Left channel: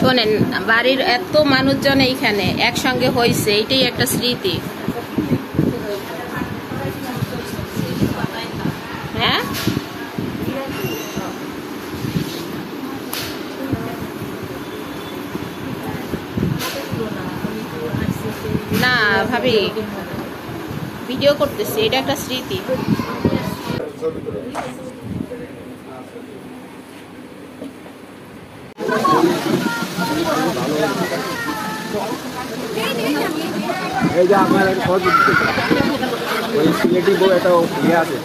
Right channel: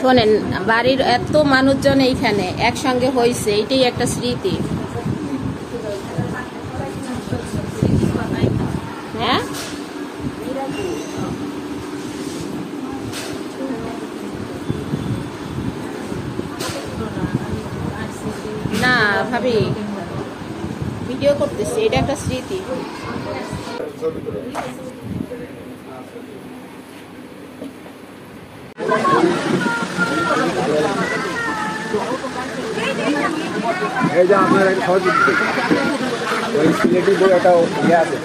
শোনেন, বাড়ির এত মানুষজন এইখানে একসঙ্গে হয়েছে, এটাই একটা স্মৃতি। হ্যাঁ, না ভাবি, ভিডিও করতেছি, এটা একটা স্মৃতি। এই যে আমার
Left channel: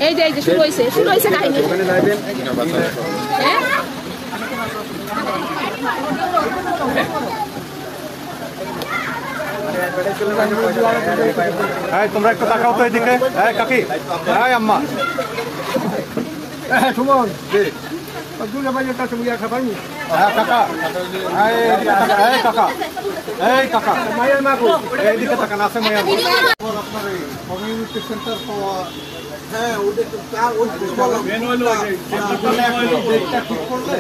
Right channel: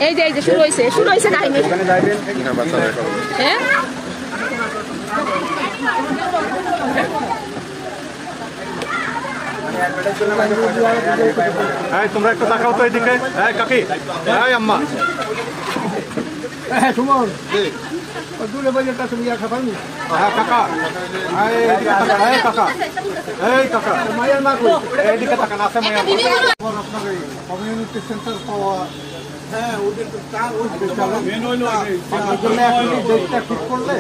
এই যে শুরু হয়েছে কাহিনী। তোমরা একটু তাকাও তো এদিকে। কাকি, আম্মা, সুমন দুলে ভাই একটা তুমি খাতা নি। কাকা, কাকা, এই কাকা, মায়ের না কই এদিকে তাকান, আছে মায়ের কমিউনিটি সেন্টার পাওয়া। হ্যাঁ, ওদের কার ডেটটা ঠিক করলে,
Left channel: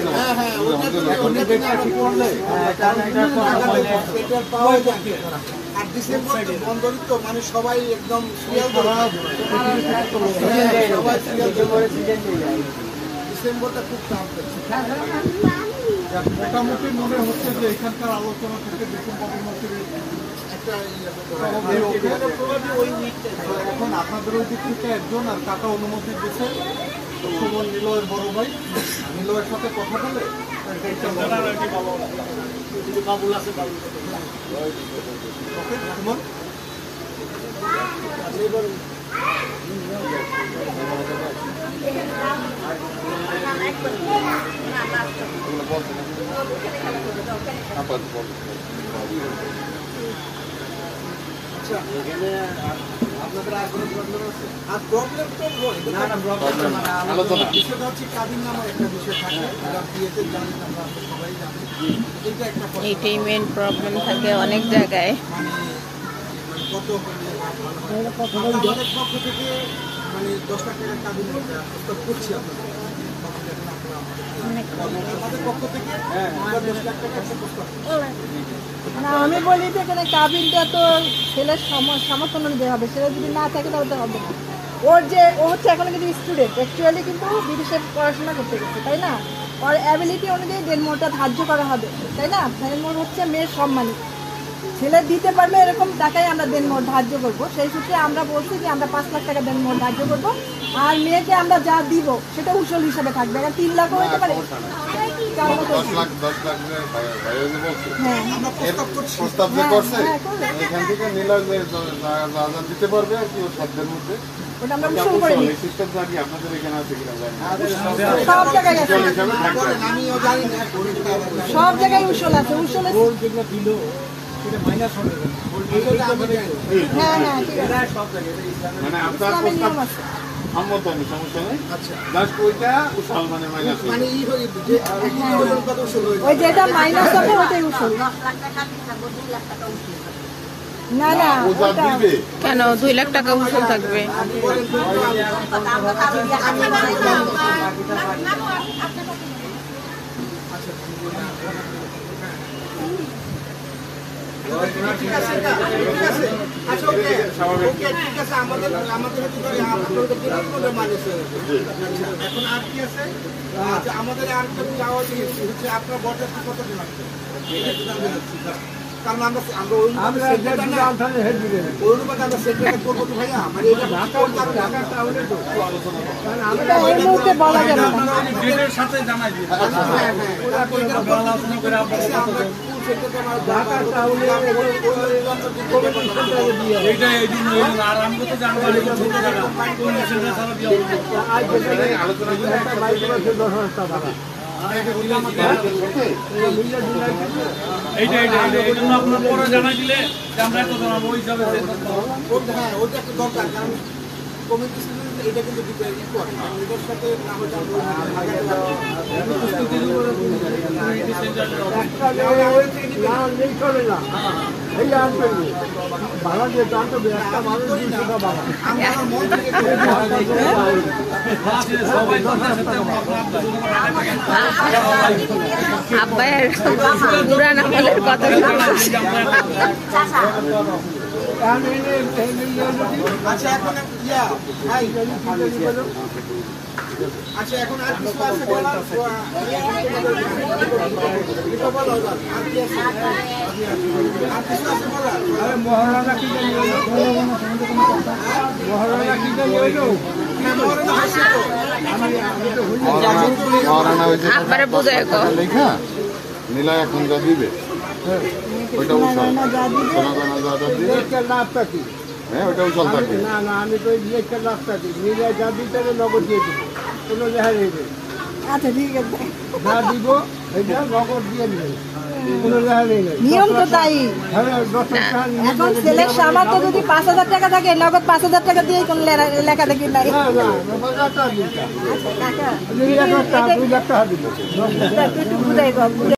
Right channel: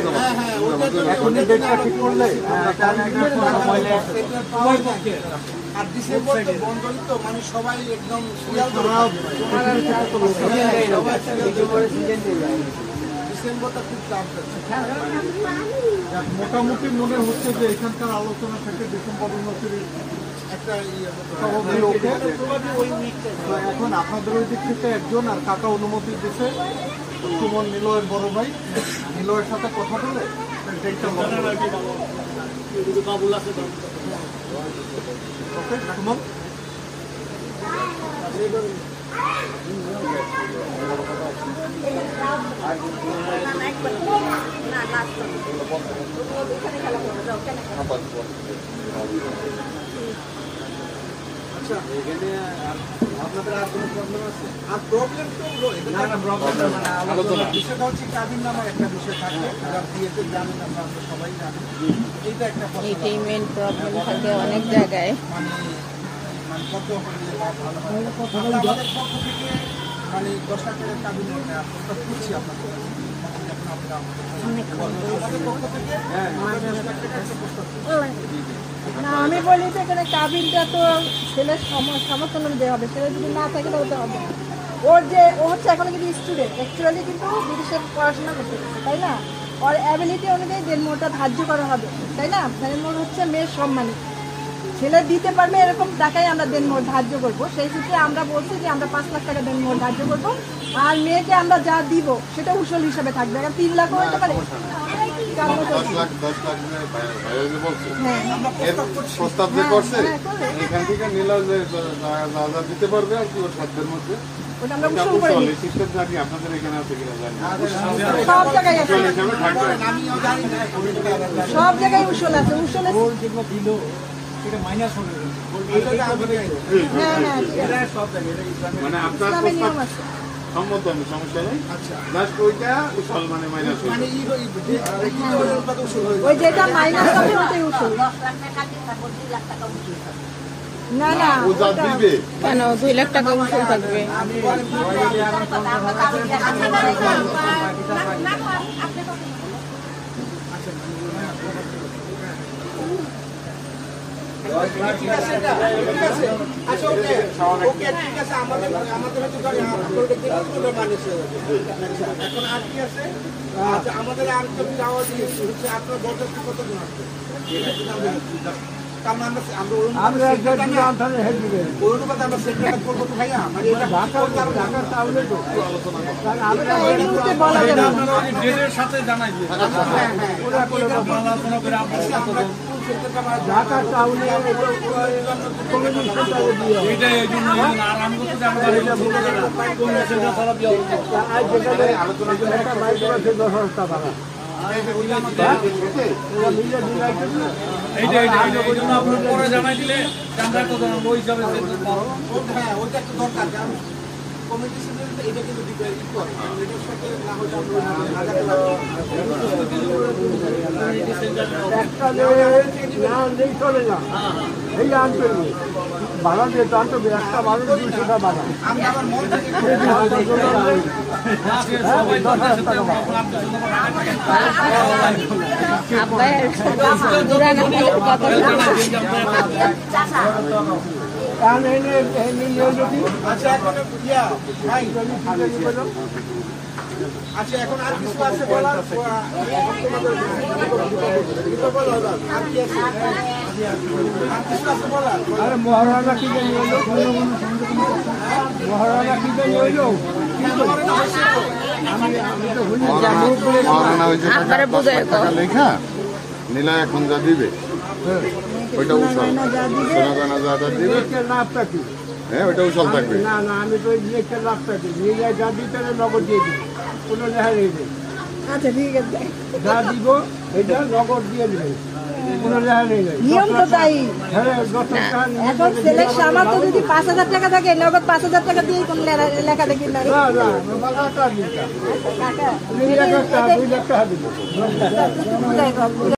এখন ডেটটা ঠিক করলে আর ডিসেম্বর বন্ধন তো মানে সবাই একদম ডিসেম্বরটা খুব চাপ। মোটামুটি মনে হচ্ছে যে এখানকার আলোচনা থেকে ডিসেম্বরের মধ্যে এখন আপনাদের ওই দিক থেকে একজন আর কাকা অনুমতি দিচ্ছে, সুমন নিলয়ের বড় ভাই, নিলয়ের সাথে কথা বলে ওকে সুমন আচ্ছা, এখানে আপনাদের আর কোনো প্রবলেম আছে? আর প্রবলেম তো বিষয়টা হচ্ছে কাবিন নামার একটা বিষয় থাকে, বিয়েতে জানি আমরা সবাই জানি, এইটা একটা এইটাই মেন প্রবলেম থাকে অনেক জায়গায়। আমাদের পক্ষ থেকে মানে 10 লাখ টাকার কাবিন প্রস্তাব করছি আমাদের পক্ষ থেকে আমরা 10 লাখ টাকা একটা প্রস্তাব করছি। আমি বলি যে এখানে কাবিনটা তো ছেলের সমর্থন অনুযায়ী হবে, ছেলে যদি না থাকে তাহলে তো হবে। ও হচ্ছে এখন কিন্তু স্টুডেন্ট, অ্যাকচুয়ালি কিন্তু বিদেশে পড়াশোনা করতে গেছে, তাই না? ওর অ্যাবিলিটি অনুযায়ী দেনমোটা ধার্য করা হবে, তাই না? দেনমোট হচ্ছে মেয়ের সম্মানী, ছেলে দিতে পারলে এরকম টাকায় আমরা দেনমোট ধার্য করবো। সেই সূত্রে আমরা বলছি যে আমরা 5 লাখ টাকা দেনমোট ধার্য করবো, আর মেয়েকে আমরা যা দিব সেটা উসল হিসাবে থাকবে। 3 লাখ হতে পারে, 10 লাখ প্রস্তাব যে করছে, এখান থেকে নীলা দিতে পারবে আর কি ওর সাধ্যের মধ্যে। আপনাদের এখানে আছে কিনা জানি না, সব জায়গায় আছে, সব জায়গায় উসল আছে। যেগুলো দিল সেটা মাইনাস হবে, মানে আপনার প্রস্তাব সম্মত হবে, সমস্যা নেই। আচ্ছা, জাস্ট ওইটা উসল মানে মাইনাস মানে ওই যেটা মাইনাস হবে ওটাই উসল। না না, ও যা দিবে কেন 2 লাখ টাকা উসুল থাকবে? ঠিক আছে, আচ্ছা ওকে ঠিক আছে, আমাদের এখন আর কি আছে? আচ্ছা, আমাদের আর যাওয়া হচ্ছে আপনার বরযাত্রী কতজন আসবে? কারণ আমরা সেন্টারটা করবো তো ভাইয়া, মানে এটা সাথে জানাই দিয়ে জানাই দিলে হ্যাঁ, ওইটা একটা দরকার। কারণ কমিটি এটা কিন্তু করে, কারণ এটার সাথে না হয়তো আমরা ভাড়া দিয়ে তো আনতো একটা ভাড়া 200 টাকা ভাড়া আব্বায়ের পুরান আমলের কথা আচ্ছা এখন আর কিছু আছে বলার মহারাজা কি আব্বারে বোঝায় লেখা নীলা এখন যা দিবে ওইটা উছল সোনাদানা যা দিবে লাভটা কি হ্যাঁ ওইটা উছল থাকবে না না আমি তো একটা লাভটা দিই নীলা যা দিতে নগদ দিয়ে দিই কোনো দেখা নেবে আচ্ছা ঠিক আছে যা দিব এটা নগদ দিয়ে দিবে কোনো দেখা নেই নিয়ম তো তাই হ্যাঁ 10 টাকা এখন ছেলের সামর্থ্য যদি 5,000 টাকা থাকে নগদ 5,000 টাকা দিয়ে কোন লেখা দেখি নাই না না বাগাটা দিতা কাকা নীলা একটা 2 লাখ টাকা দিব একটু বুঝাই দাও